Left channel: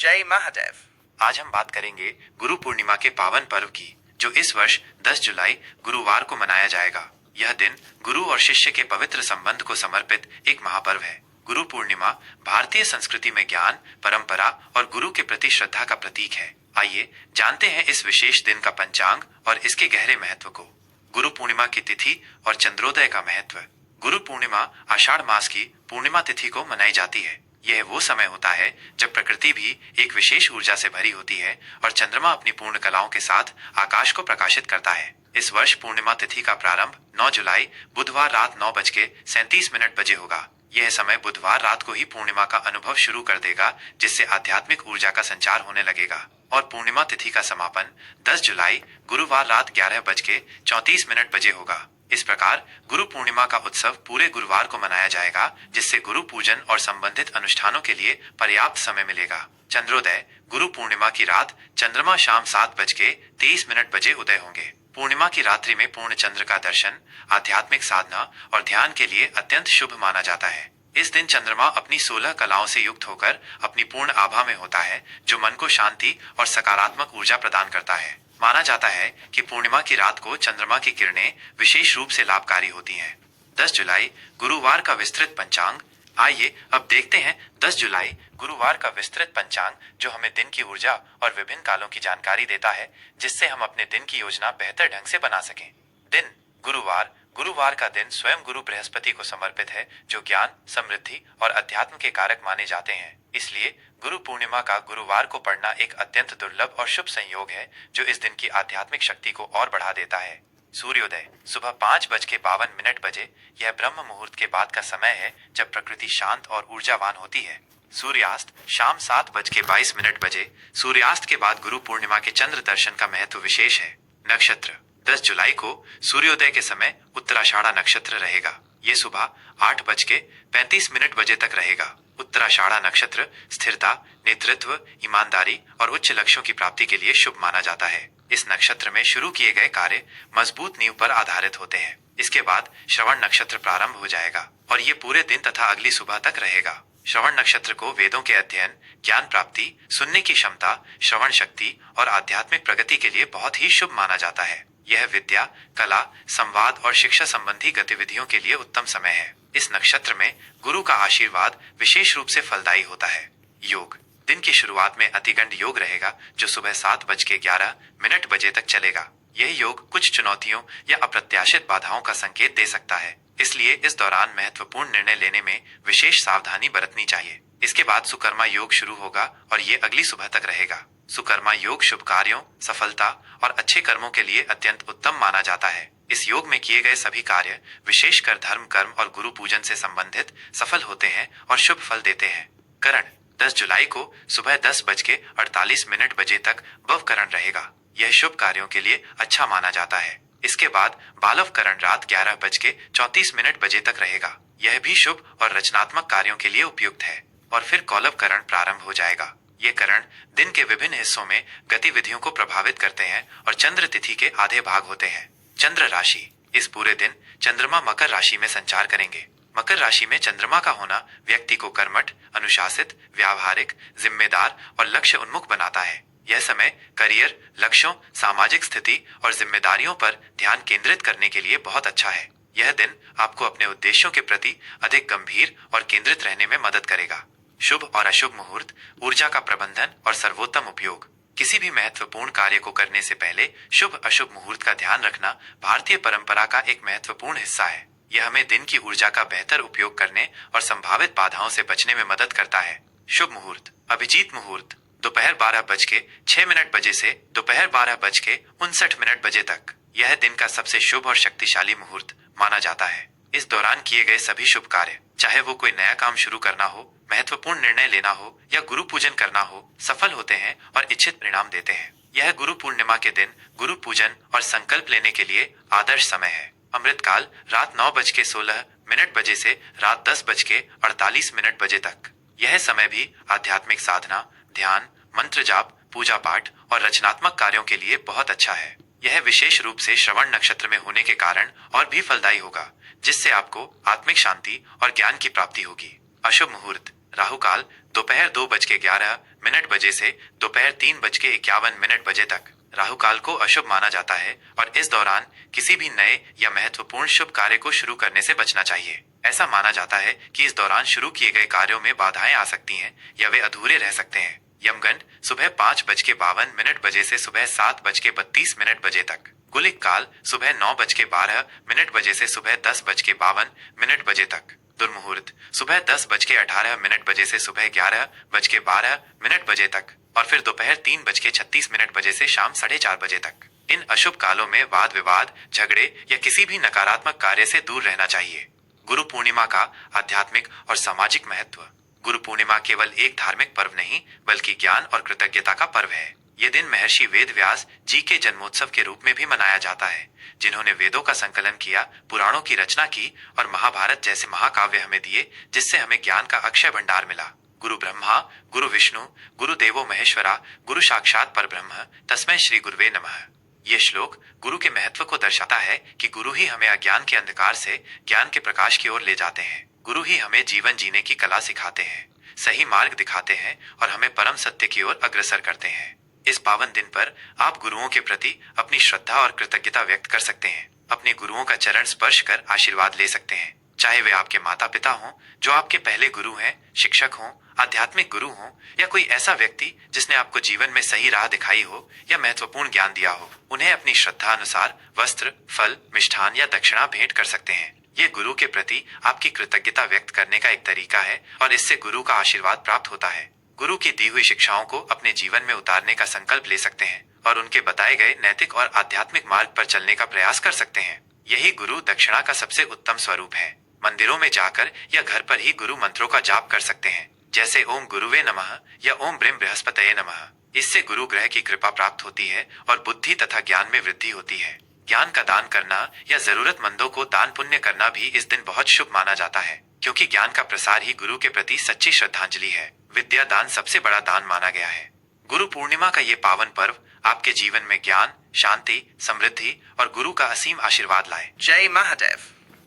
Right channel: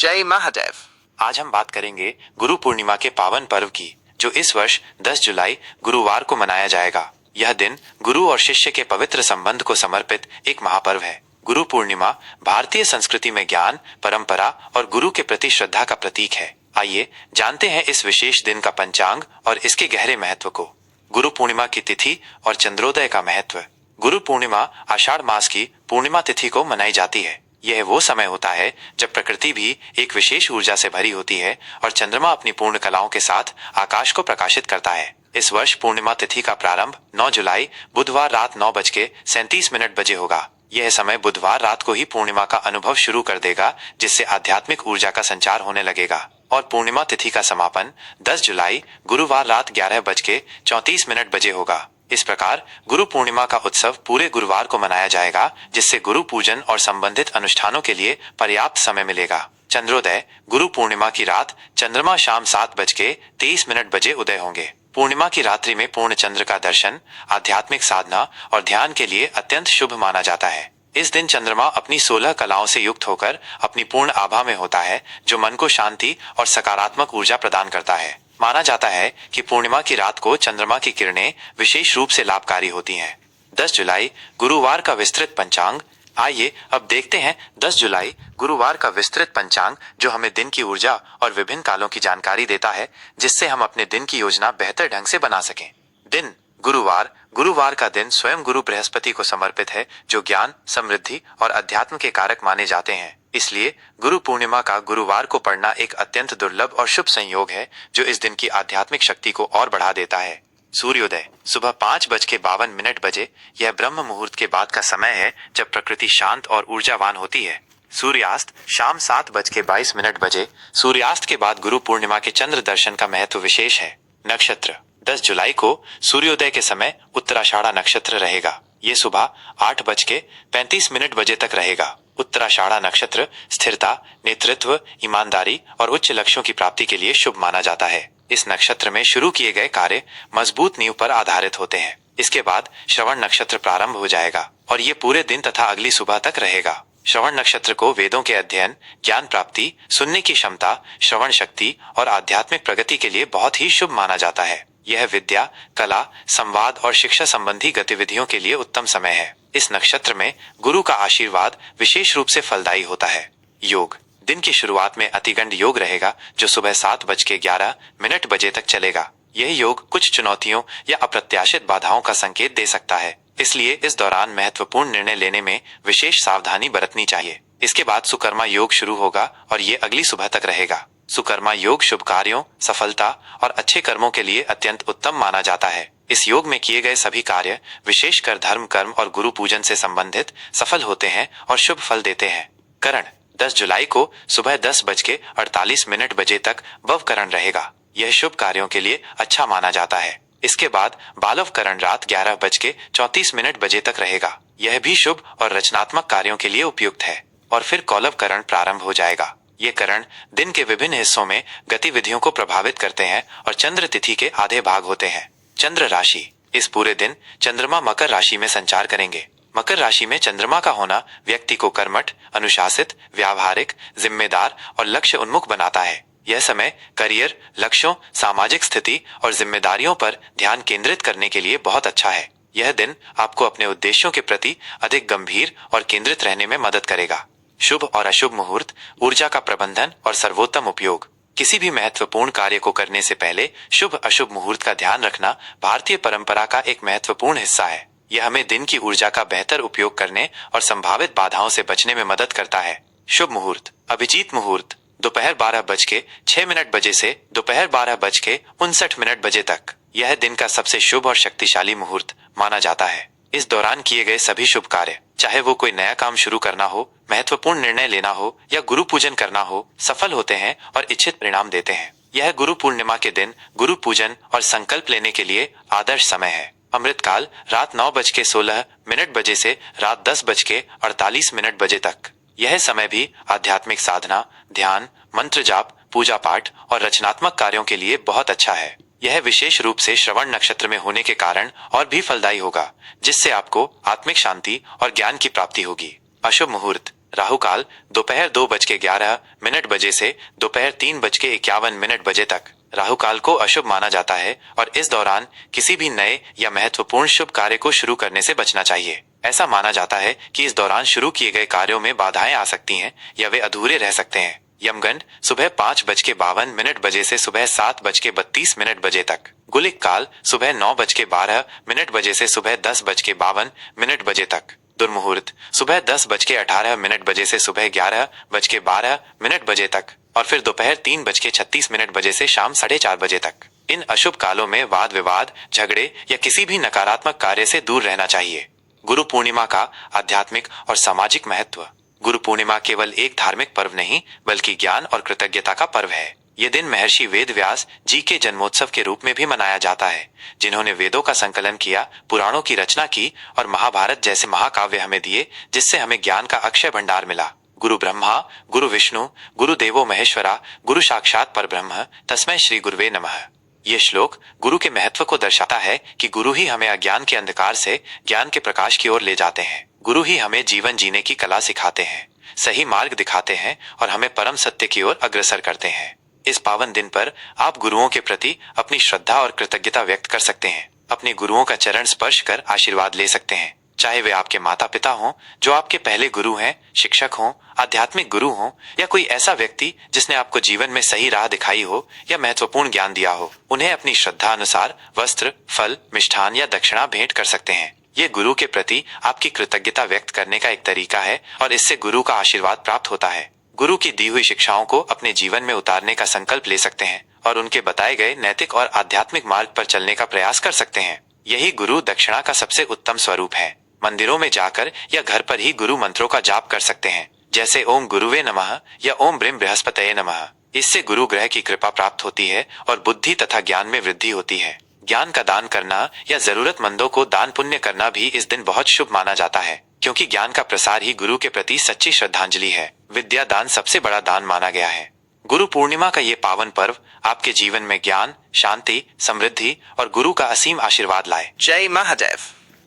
जय महादेव। आज हम बात करेंगे गुरु पूर्णिमा के पावन पर्व की, जो इस वर्ष 10 जुलाई गुरुवार को मनाया जाएगा। यह दिन गुरु और शिष्य के पवित्र संबंध को समर्पित एक महापर्व है। गुरु पूर्णिमा भारतीय संस्कृति में ज्ञान, परंपरा और गुरु के प्रति श्रद्धा का प्रतीक है। आइए जानते हैं इस विशेष दिन का पंचांग और इसके गहरे महत्व को। गुरु पूर्णिमा की तिथि और चंद्रोदय का महत्व। गुरु पूर्णिमा आषाढ़ मास की पूर्णिमा तिथि को मनाई जाती है। यह वो समय होता है जब प्रकृति भी एक विशेष ऊर्जा से भरी होती है और चंद्रमा अपनी पूर्ण कलाओं के साथ आकाश को प्रकाशित करता है। इस वर्ष पूर्णिमा तिथि का प्रारंभ 9 जुलाई बुधवार रात 9:37 बजे होगा। यह समय बुधवार रात को ही पूर्णिमा का अनुभव शुरू कर देगा, जिससे आध्यात्मिक ऊर्जा का संचार होने लगेगा। और पूर्णिमा तिथि का समापन 10 जुलाई गुरुवार रात 11:34 बजे होगा। इस प्रकार गुरु पूर्णिमा का उत्सव पूरे गुरुवार को मनाया जाएगा, जिससे गुरु पूजन और संबंधित अनुष्ठानों के लिए पर्याप्त समय मिलेगा। चंद्रोदय। गुरु पूर्णिमा की रात चंद्रमा शाम 7:23 बजे उदय होंगे। पूर्णिमा की रात्रि में पूर्ण चंद्र का दर्शन आध्यात्मिक साधना और ध्यान के लिए अत्यंत शुभ माना जाता है। इस दिन चंद्रमा अपनी 16 कलाओं से युक्त होकर अपनी पूर्ण आभा में होता है, जो मन को शांति और सकारात्मक ऊर्जा प्रदान करता है। माना जाता है कि पूर्णिमा की रात को चंद्रमा की किरणें विशेष रूप से लाभकारी होती हैं। 10 जुलाई गुरुवार का विस्तृत पंचांग। आइए अब देखते हैं 10 जुलाई गुरुवार का विस्तृत पंचांग, जो हमें दिन की ऊर्जा और विभिन्न कालों की जानकारी देता है, जिससे हम अपने दिन की योजना बेहतर ढंग से बना सकें। दिन गुरुवार। गुरुवार का दिन स्वयं गुरु बृहस्पति को समर्पित है, जो ज्ञान, समृद्धि और अध्यात्म के कारक माने जाते हैं। इसलिए गुरु पूर्णिमा का गुरुवार को पढ़ना एक अत्यंत दुर्लभ और शुभ संयोग है, जो इस दिन की आध्यात्मिक शक्ति को और बढ़ा देता है। सूर्योदय। सुबह 5:52 बजे यह ब्रह्म मुहूर्त के बाद का समय है, जब प्रकृति शांत और ऊर्जावान होती है। सूर्यास्त शाम 7:22 बजे। सूर्यास्त के बाद गुरु पूर्णिमा के चंद्र दर्शन का महत्व विशेष है। नक्षत्र। 10 जुलाई को सूर्योदय के समय उत्तराषाढ़ा नक्षत्र रहेगा। ये सुबह 8:35 बजे तक रहेगा। उत्तराषाढ़ा नक्षत्र स्थिरता, नेतृत्व, ईमानदारी और उच्च लक्ष्यों की प्राप्ति के लिए शुभ माना जाता है। इस नक्षत्र में शुरू किए गए कार्य मजबूत नींव पर आधारित होते हैं। इसके बाद श्रवण नक्षत्र प्रारंभ हो जाएगा और ये पूरे दिन तथा अगली सुबह तक रहेगा। श्रवण नक्षत्र को वेदों के अध्ययन, ज्ञान प्राप्ति, सुनने की क्षमता, श्रवण शक्ति और आध्यात्मिक प्रगति के लिए बहुत ही शुभ माना जाता है। यह विद्या, कला, संवाद और शिक्षा संबंधी गतिविधियों के लिए उत्तम समय है। इस नक्षत्र में गुरु का आशीर्वाद विशेष रूप से फलदायी होता है। योग। दिन की शुरुआत में अतिगंड योग रहेगा, जो सुबह 7:11 बजे तक चलेगा। यह योग कुछ चुनौतियों या अप्रत्याशित बाधाओं का संकेत दे सकता है, इसलिए इस दौरान महत्वपूर्ण निर्णय लेने में विशेष सावधानी बरतनी चाहिए। इसके बाद सुकर्मा योग शुरू होगा और ये अगली सुबह तक रहेगा। सुकर्मा योग शुभ कार्यों, सफलता और अच्छे कर्मों के लिए अत्यंत उत्तम माना जाता है। इस योग में किए गए सभी कार्य, विशेषकर धर्म, कर्म और गुरु पूजन से संबंधित, सफल होते हैं और शुभ फल देते हैं। करण। 10 जुलाई को सुबह 10:48 बजे तक भवकरण रहेगा। यह शुभ कार्यों के लिए अच्छा माना जाता है। इसके बाद बालवकरण रात 11:34 बजे तक रहेगा। यह भी शुभ और रचनात्मक कार्यों के लिए उपयुक्त है। और फिर कौलवकरण प्रारंभ हो जाएगा। ये करण दिन के विभिन्न हिस्सों में गतिविधियों को प्रभावित करते हैं और चंद्र तिथि के आधे भाग होते हैं। चंद्र राशि। इस पूरे दिन चंद्रमा मकर राशि में संचार करेंगे। मकर राशि में चंद्रमा का होना व्यक्ति को कर्मठ, अनुशासित, व्यावहारिक, जिम्मेदार और लक्ष्य उन्मुख बनाता है। यह समय करियर, लक्ष्यों, सामाजिक स्थिति और जिम्मेदारियों पर ध्यान केंद्रित करने के लिए बहुत अच्छा है। यह दिन आपको अपने उद्देश्यों के प्रति अधिक गंभीर और केंद्रित रहने में मदद करेगा। शुभ और अशुभ मुहूर्त, ऊर्जा का प्रबंधन और सर्वोत्तम उपयोग। किसी भी महत्वपूर्ण कार्य को करने से पहले शुभ अशुभ मुहूर्त का ध्यान रखना भारतीय परंपरा का एक महत्वपूर्ण हिस्सा है। यह हमें दिन की ऊर्जा का बेहतर उपयोग करने और संभावित बाधाओं से बचने में मदद करता है। शुभ मुहूर्त। अभिजीत मुहूर्त दोपहर 12:06 बजे से दोपहर 12:59 बजे तक। यह दिन का सबसे शुभ और शक्तिशाली मुहूर्त माना जाता है। इस दौरान किए गए सभी शुभ कार्य, चाहे वो कोई नया काम शुरू करना हो, महत्वपूर्ण निर्णय लेना हो या गुरु पूजन करना हो, सफल होते हैं और इच्छित परिणाम देते हैं। यह गुरु पूर्णिमा के दिन गुरु पूजन और संकल्प लेने के लिए आदर्श समय है। अमृतकाल रात 9:16 बजे से रात 10:48 बजे तक। यह समय भी आध्यात्मिक साधना, ध्यान, मंत्र जाप, पूजा पाठ और रचनात्मक कार्यों के लिए बहुत अच्छा है। यह विशेष रूप से श्रवण नक्षत्र में होने के कारण और भी फलदायी होगा, जिससे आपको आत्मिक शांति और ज्ञान की प्राप्ति होगी। अशुभ मुहूर्त। राहु काल दोपहर 2:11 बजे से दोपहर 3:51 बजे तक। राहु काल को अशुभ माना जाता है और इस दौरान किसी भी नए या महत्वपूर्ण शुभ कार्य को शुरू करने से बचना चाहिए। ऐसा माना जाता है कि इस दौरान शुरू किए गए कार्यों में बाधाएं आ सकती हैं या वे अधूरे रह सकते हैं। यमगंड सुबह 5:52 से सुबह 7:32 बजे तक। गुलिक काल सुबह 9:12 बजे से सुबह 10:52 बजे तक। दुर्मुहूर्त सुबह 10:18 बजे से सुबह 11:12 बजे तक और फिर दोपहर 3:36 बजे से शाम 4:30 बजे तक। इन अशुभ कालों में वाद विवाद, झगड़े या किसी भी नकारात्मक कार्य से दूर रहना चाहिए। गुरु पूर्णिमा का आध्यात्मिक और सामाजिक महत्व। गुरु पूर्णिमा केवल एक धार्मिक पर्व नहीं बल्कि ज्ञान और कृतज्ञता का पर्व है। ये दिन महर्षि वेद व्यास जी के जन्मोत्सव के रूप में भी मनाया जाता है, जिन्होंने वेदों का संकलन किया, पुराणों की रचना की और महाभारत जैसे महाकाव्य हमें दिए, जिससे हमें ज्ञान का अक्षय भंडार मिला। गुरु ब्रह्मा, गुरु विष्णु, गुरु देवो महेश्वरा, गुरु साक्षात परब्रह्म, तस्मै श्री गुरुवे नमः। ये श्लोक गुरु के महत्व को दर्शाता है कि गुरु ही हमें अज्ञान के अंधकार से ज्ञान के प्रकाश की ओर ले जाते हैं। गुरु ही हमें जीवन जीने की कला सिखाते हैं, सही मार्ग दिखाते हैं और हमें परम सत्य की ओर अग्रसर करते हैं। इस पावन दिन पर आप गुरुओं के प्रति अपनी श्रद्धा और कृतज्ञता व्यक्त कर सकते हैं। अपने गुरुओं का चरण स्पर्श कर आशीर्वाद ले सकते हैं, चाहे वे आपके माता पिता हों जो आपके पहले गुरु हैं, शिक्षक हों, आध्यात्मिक गुरु हों या कोई ऐसा व्यक्ति जिसने आपको जीवन में सही राह दिखाई हो या महत्वपूर्ण ज्ञान दिया हो। उन्हें अपनी श्रद्धा अनुसार वस्त्र, फल, मिष्ठान या दक्षिणा भेंट कर सकते हैं। ये गुरु के प्रति आपकी कृतज्ञता व्यक्त करने का एक तरीका है और इससे गुरु का आशीर्वाद प्राप्त होता है। गुरु की दी हुई शिक्षाओं को अपने जीवन में उतारने का संकल्प ले सकते हैं और उनके बताए गए नैतिक और आध्यात्मिक मार्ग पर चलने का प्रयास कर सकते हैं। यही गुरु दक्षिणा का सबसे उत्तम स्वरूप है। मंदिरों में जाकर या घर पर ही गुरु मंत्रों का जाप कर सकते हैं, जैसे ओम गुरुवे नमः या ओम ब्रीम बृहस्पतये नमः। इससे गुरु ग्रह की कृपा प्राप्त होती है और बुद्धि तथा ज्ञान में वृद्धि होती है। ज्ञान का दान करना या जरूरतमंदों को दान पुण्य करना भी इस दिन बहुत शुभ माना जाता है, क्योंकि ज्ञान का प्रसार ही गुरु के प्रति सच्ची श्रद्धांजलि है। विद्या दान सबसे बड़ा दान माना गया है। गुरु पूर्णिमा का ये पावन पर्व आपके जीवन में ज्ञान, शांति, समृद्धि और गुरु का असीम आशीर्वाद लाए। जय महादेव।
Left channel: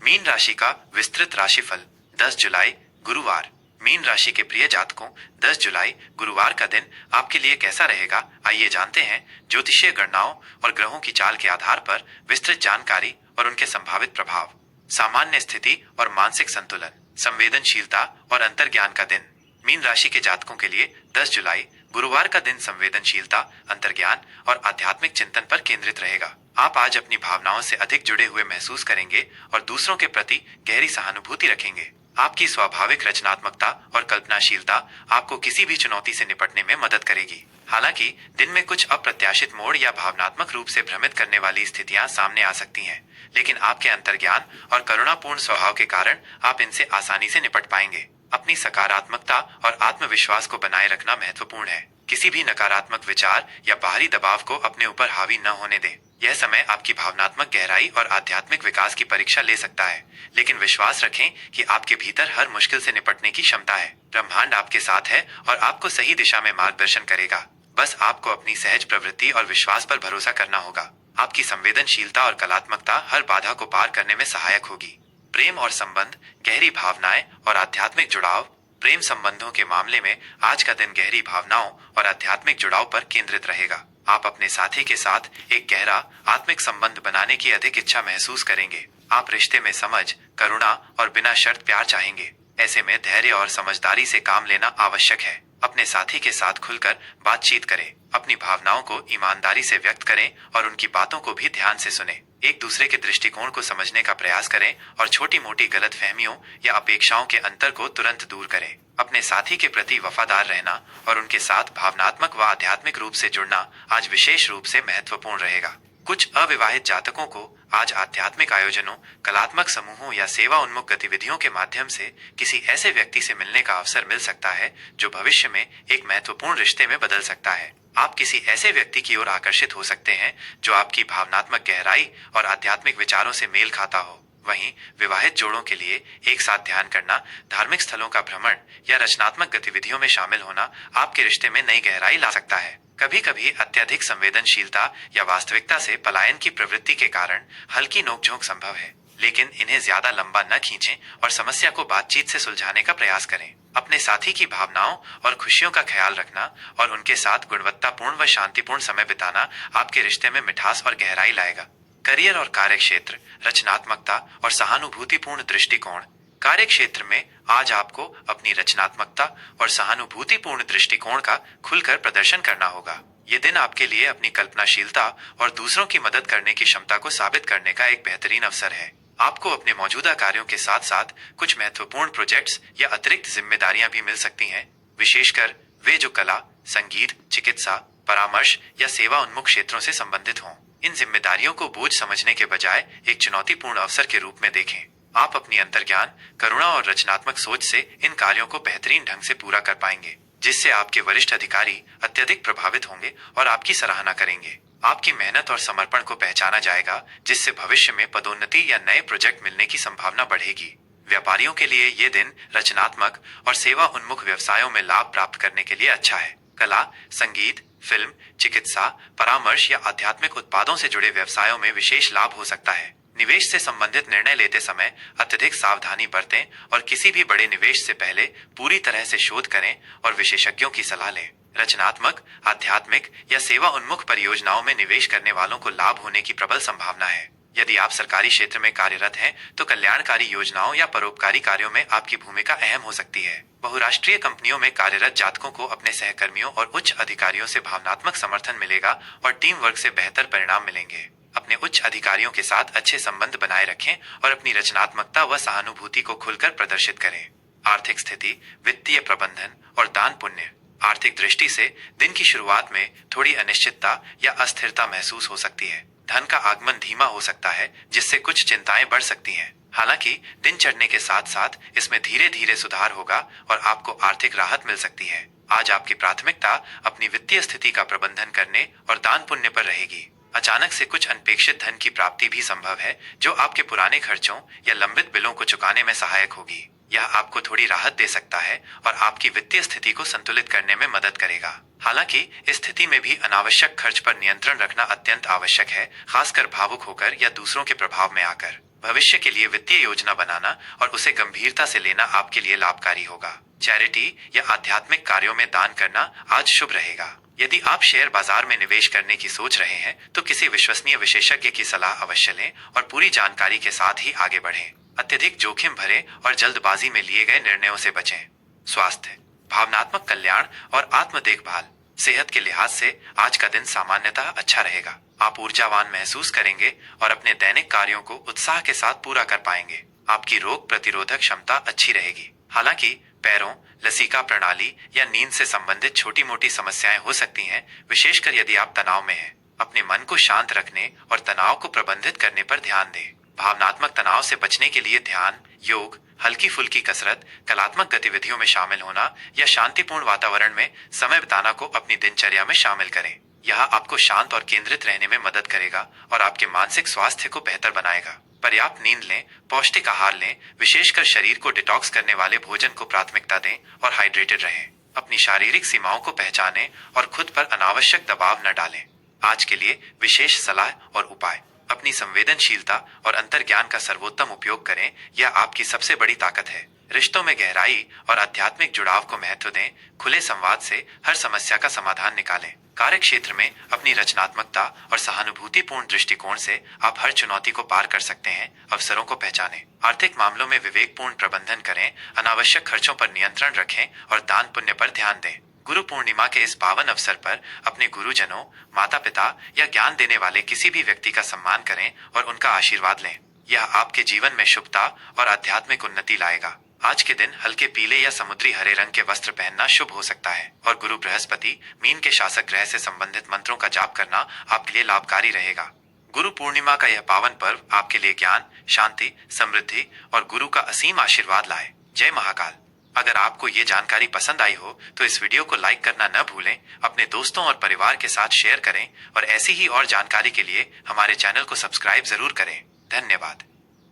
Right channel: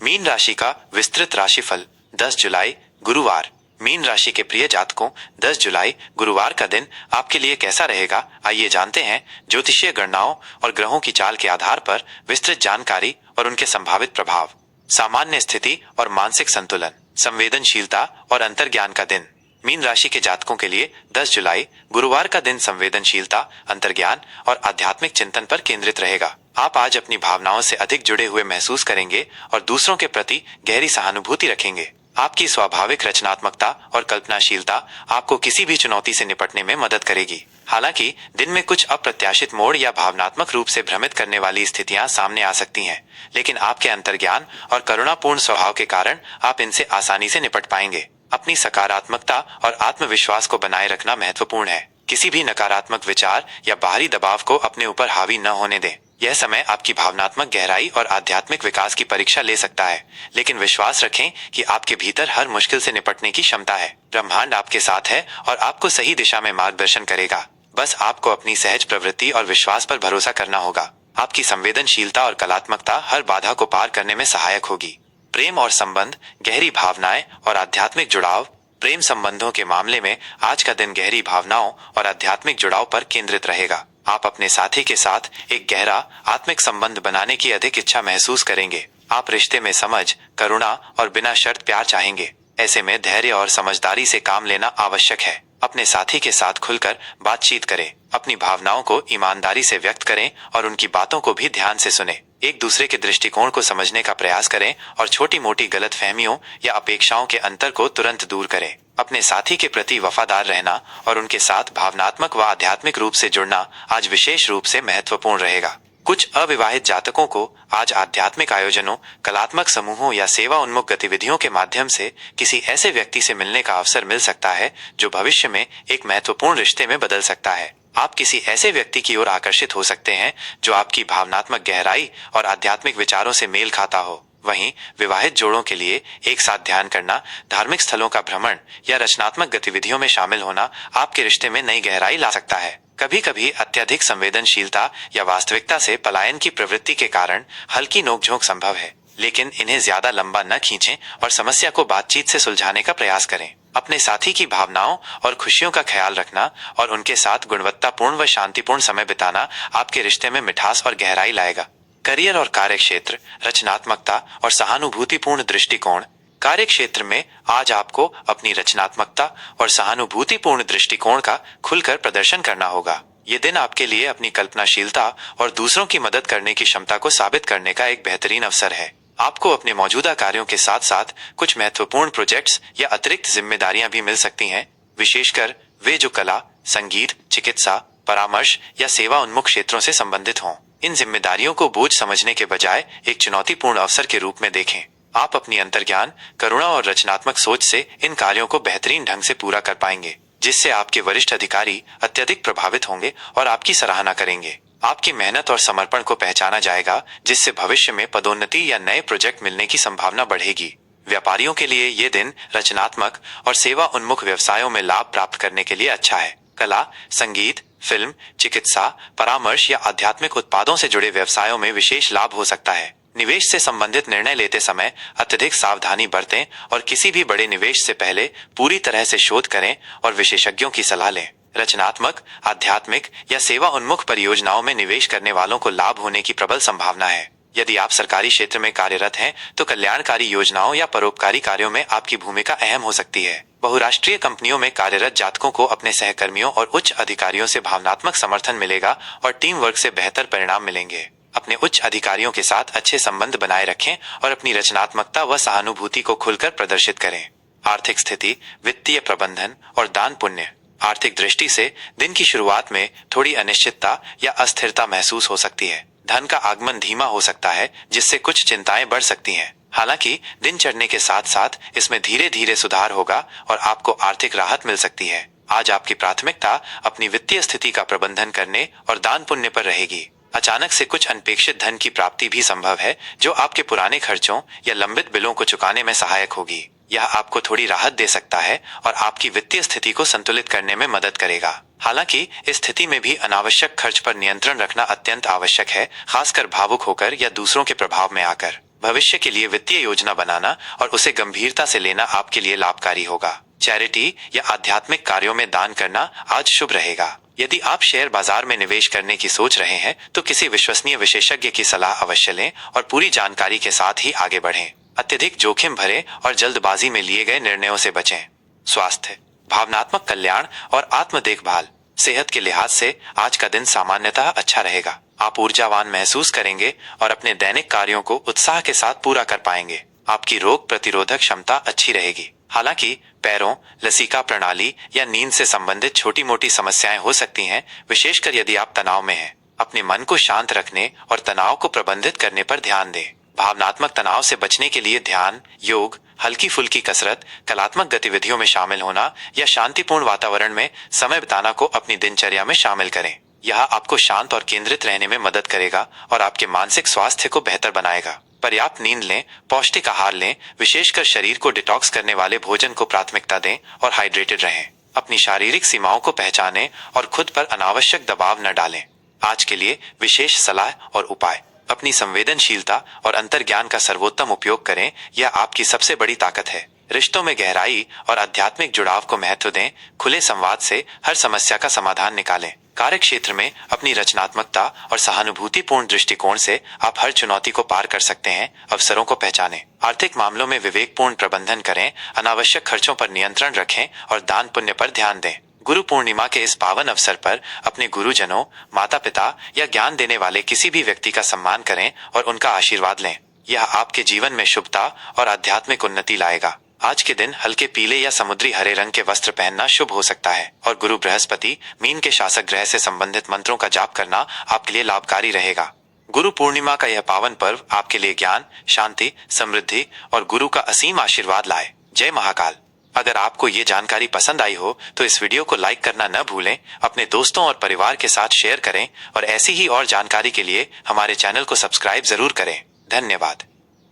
मीन राशि का विस्तृत राशिफल। 10 जुलाई गुरुवार। मीन राशि के प्रिय जातकों, 10 जुलाई गुरुवार का दिन आपके लिए कैसा रहेगा, आइए जानते हैं ज्योतिषीय गणनाओं और ग्रहों की चाल के आधार पर विस्तृत जानकारी और उनके संभावित प्रभाव। सामान्य स्थिति और मानसिक संतुलन, संवेदनशीलता और अंतर्ज्ञान का दिन। मीन राशि के जातकों के लिए 10 जुलाई गुरुवार का दिन संवेदनशीलता, अंतर्ज्ञान और आध्यात्मिक चिंतन पर केंद्रित रहेगा। आप आज अपनी भावनाओं से अधिक जुड़े हुए महसूस करेंगे और दूसरों के प्रति गहरी सहानुभूति रखेंगे। आपकी स्वाभाविक रचनात्मकता और कल्पनाशीलता आपको किसी भी चुनौती से निपटने में मदद करेगी। हालांकि दिन में कुछ अप्रत्याशित मोड़ या भावनात्मक रूप से भ्रमित करने वाली स्थितियां सामने आ सकती हैं, लेकिन आपके अंतर्ज्ञान और करुणापूर्ण स्वभाव के कारण आप इनसे आसानी से निपट पाएंगे। अपनी सकारात्मकता और आत्मविश्वास को बनाए रखना महत्वपूर्ण है। किसी भी नकारात्मक विचार या बाहरी दबाव को अपने ऊपर हावी न होने दें। यह समय आपकी भावनात्मक गहराई और आध्यात्मिक विकास की परीक्षा ले सकता है, लेकिन विश्वास रखें कि आपके भीतर हर मुश्किल से निपटने की क्षमता है। ब्रह्मांड आपके साथ है और आपको सही दिशा में मार्गदर्शन करेगा। बस आपको अपनी सहज प्रवृत्ति और विश्वास पर भरोसा करना होगा। आपकी संवेदनशीलता और कलात्मकता हर बाधा को पार करने में सहायक होगी। प्रेम और संबंध, गहरी भावनाएं और आध्यात्मिक जुड़ाव। प्रेम संबंधों के मामले में आज का दिन गहरी भावनाओं और आध्यात्मिक जुड़ाव पर केंद्रित रहेगा। आप अपने साथी के साथ एक गहरा आत्मिक संबंध बनाने की अधिक इच्छा महसूस करेंगे। आप रिश्ते में समझ, करुणा और बिना शर्त प्यार चाहेंगे। ऐसे में धैर्य और समझदारी से काम लेना आवश्यक है। अपने साथी के साथ खुलकर बातचीत करें, अपनी भावनाओं को ईमानदारी से व्यक्त करें और उनकी बातों को भी ध्यान से सुने। एक दूसरे के दृष्टिकोण को समझने का प्रयास करें और छोटी मोटी गलतफहमियों या अपेक्षाओं के अंतर को तुरंत दूर करें। अपने साथी के प्रति वफादार रहना और उनके साथ भावनात्मक व आध्यात्मिक रूप से जुड़ना आज विशेष रूप से महत्वपूर्ण रहेगा। कुछ अविवाहित जातकों को आज आध्यात्मिक आयोजनों, कलात्मक समूहों या सेवा उन्मुख गतिविधियों के माध्यम से किसी ऐसे व्यक्ति से मिलने का अवसर मिल सकता है जो भविष्य में एक महत्वपूर्ण रिश्ते में बदल सकता है। आप किसी ऐसे व्यक्ति की ओर आकर्षित हो सकते हैं जो आपकी भावनात्मक गहराई और आध्यात्मिक विचारों से मेल खाता हो। वहीं विवाहित जोड़ों के लिए एक साथ ध्यान करना, धार्मिक स्थलों का भ्रमण या रचनात्मक गतिविधियों में शामिल होना आपके रिश्ते में नई गहराई ला सकता है। कभी कभी अत्यधिक संवेदनशीलता या वास्तविकता से पलायन की प्रवृत्ति के कारण हल्की नोकझोंक संभव है, लेकिन इन्हें ज्यादा लंबा न खींचें और समस्या को बातचीत से सुलझाने का प्रयास करें। अपने साथी की भावनाओं और खुशियों का ख्याल रखना और उनके साथ गुणवत्तापूर्ण व शांतिपूर्ण समय बिताना आपके रिश्ते में मिठास और गहराई लाएगा। करियर और कार्य क्षेत्र, रचनात्मकता और सहानुभूतिपूर्ण दृष्टिकोण। कार्य क्षेत्र में आज आपको अपनी रचनात्मकता और सहानुभूतिपूर्ण दृष्टिकोण का खुलकर प्रदर्शन करना होगा। ये दिन आपके लिए अपनी कल्पनाशीलता और दूसरों की मदद करने की क्षमता को साबित करने का एक बेहतरीन अवसर है। आपको अपने मौजूदा कार्यों के साथ साथ कुछ महत्वपूर्ण प्रोजेक्ट्स या अतिरिक्त जिम्मेदारियां भी मिल सकती हैं, विशेषकर वे जो कला, संगीत, चिकित्सा, परामर्श या सेवा उन्मुख क्षेत्रों से संबंधित हों। इन जिम्मेदारियों को बोझ समझने के बजाय एक चुनौतीपूर्ण अवसर के रूप में देखें। आप अपनी अंतर्ज्ञान, करुणा और रचनात्मक सोच से इन कार्यों को बेहतरीन ढंग से पूरा कर पाएंगे, जिससे आपके वरिष्ठ अधिकारी अत्यधिक प्रभावित होंगे और आपकी सराहना करेंगे। आपकी मेहनत और समर्पण को पहचाना जाएगा, जिससे भविष्य में पदोन्नति या नए प्रोजेक्ट मिलने की संभावना बढ़ेगी। व्यापारियों के लिए ये दिन रचनात्मक और सेवा उन्मुख व्यवसायों में लाभ प्राप्त करने के लिए अच्छा है। कला, संगीत, फिल्म, चिकित्सा, परामर्श या आध्यात्मिक उत्पादों से जुड़े व्यवसायों में विशेष लाभ हो सकता है। निवेश से संबंधित निर्णय लेते समय अत्यधिक सावधानी बरतें और किसी भी बड़े निवेश से पहले पूरी तरह से शोध करें और विशेषज्ञों की सलाह लें। रचनात्मक, आध्यात्मिक या सेवा उन्मुख परियोजनाओं में निवेश करने वालों को लाभ होने की प्रबल संभावना है। यदि आप सरकारी क्षेत्र में कार्यरत हैं, तो कल्याणकारी योजनाओं या परोपकारी कार्यों में आपकी भूमिका अहम हो सकती है। बहुराष्ट्रीय कंपनियों में कार्यरत जातकों को अपने सहकर्मियों और उच्च अधिकारियों से भावनात्मक समर्थन मिलेगा और टीम वर्क से बेहतर परिणाम मिलेंगे। अपने उच्च अधिकारियों के साथ अच्छे संबंध बनाए रखें और अपनी रचनात्मकता व सहानुभूति को खुलकर प्रदर्शित करें। आर्थिक स्थिति, वित्तीय प्रबंधन और दान पुण्य। आर्थिक दृष्टि से दिन की शुरुआत में थोड़ी अनिश्चितता या अस्थिरता महसूस हो सकती है। धन का आगमन धीमा हो सकता है, जिससे कुछ चिंताएं बढ़ सकती हैं। हालांकि दिन चढ़ने के साथ साथ इसमें धीरे धीरे सुधार होगा और आपको आर्थिक राहत मिल सकती है। आज आपकी प्राथमिकता अपनी वित्तीय स्थिति का प्रबंधन करने और दान पुण्य पर रहेगी। अचानक से कुछ अनपेक्षित धन की प्राप्ति भी संभव है, जो आपके पुराने खर्चों या लंबित बिलों को चुकाने में सहायक होगी। यह आपको थोड़ी राहत दे सकता है और आपकी वित्तीय स्थिति को संतुलित करने में मदद करेगा। हालांकि इस स्थिति में भी अनावश्यक खर्च पर नियंत्रण रखना अत्यंत आवश्यक है, खासकर भावुक होकर या दूसरों के प्रभाव में आकर। भविष्य के लिए वित्तीय योजना बनाना और उसे गंभीरता से लेना आपके लिए लाभकारी होगा। चैरिटी या आध्यात्मिक कार्यों में दान करना आज शुभ रहेगा। यदि आप शेयर बाजार में निवेश करने की सोच रहे हैं, तो किसी विश्वसनीय विशेषज्ञ की सलाह अवश्य लें और पूरी जानकारी के साथ ही आगे बढ़ें। अत्यधिक जोखिम भरे और जल्दबाजी में लिए गए निर्णयों से बचें। स्वास्थ्य, भावनात्मक कल्याण और आत्म देखभाल। सेहत के लिहाज से आज का दिन सामान्यतः अच्छा रहेगा। आप ऊर्जावान महसूस करेंगे और अपने दैनिक कार्यों को उत्साह के साथ पूरा कर पाएंगे। आपकी रोग प्रतिरोधक क्षमता अच्छी रहेगी। हालांकि पैरों, लसीका प्रणाली या नींद से संबंधित छोटी मोटी समस्याएं हो सकती हैं, विशेषकर यदि आप तनाव में हैं। अपने मन को शांत रखने और तनाव को प्रबंधित करने पर ध्यान दें। भावनात्मक तनाव से बचने के लिए ध्यान, योग, हल्की फुल्की कसरत, कलात्मक गतिविधियों में शामिल होना या शांतिपूर्ण वातावरण में समय बिताना को अपनी दिनचर्या में शामिल करें। यह आपको शांत और केंद्रित रहने में मदद करेगा और आपके मानसिक स्वास्थ्य को बेहतर बनाएगा। पर्याप्त नींद लें, पौष्टिक आहार लें, विशेषकर शरीर को डिटॉक्स करने वाले भोजन को प्राथमिकता दें और हाइड्रेटेड रहें। अपनी शारीरिक सीमाओं को पहचानें और खुद पर अनावश्यक दबाव न डालें। आज के लिए विशेष सलाह और उपाय। अपनी संवेदनशीलता और अंतर्ज्ञान का सर्वोत्तम उपयोग करें, यह आपकी सबसे बड़ी ताकत है। रिश्तों में गहराई और आध्यात्मिक जुड़ाव को महत्व दें। खुले संवाद से हर समस्या का समाधान निकालें। कार्य क्षेत्र में अपनी रचनात्मकता और सहानुभूतिपूर्ण दृष्टिकोण से आप हर चुनौती को पार कर सकते हैं। अवसरों को पहचानें। आर्थिक मामलों में विवेकपूर्ण प्रबंधन करें, अनावश्यक खर्चों पर नियंत्रण रखें और दान पुण्य पर ध्यान दें। गुरु पूर्णिमा के इस पावन अवसर पर अपने गुरुजनों, माता पिता या ज्ञान देने वाले किसी भी व्यक्ति का सम्मान करें और उनका आशीर्वाद लें। यह आपके जीवन में शुभता और आध्यात्मिक उन्नति लाएगा। आज के दिन हल्के पीले या समुद्री हरे रंग के वस्त्र पहनना शुभ हो सकता है और गुरु बृहस्पति, मीन के शासक ग्रह से संबंधित मंत्रों का जाप करना आपके लिए लाभकारी रहेगा। गुरु पूर्णिमा का यह पावन पर्व आपके लिए ज्ञान, शांति, समृद्धि और गुरु का असीम आशीर्वाद लाए। जय महाकाल। अगर आपको ये जानकारी पसंद आई हो तो इस वीडियो को लाइक करना न भूलें, अपने दोस्तों और परिवार के साथ शेयर करें और ऐसी ही और जानकारी के लिए हमारे चैनल को सब्सक्राइब जरूर करें। धन्यवाद।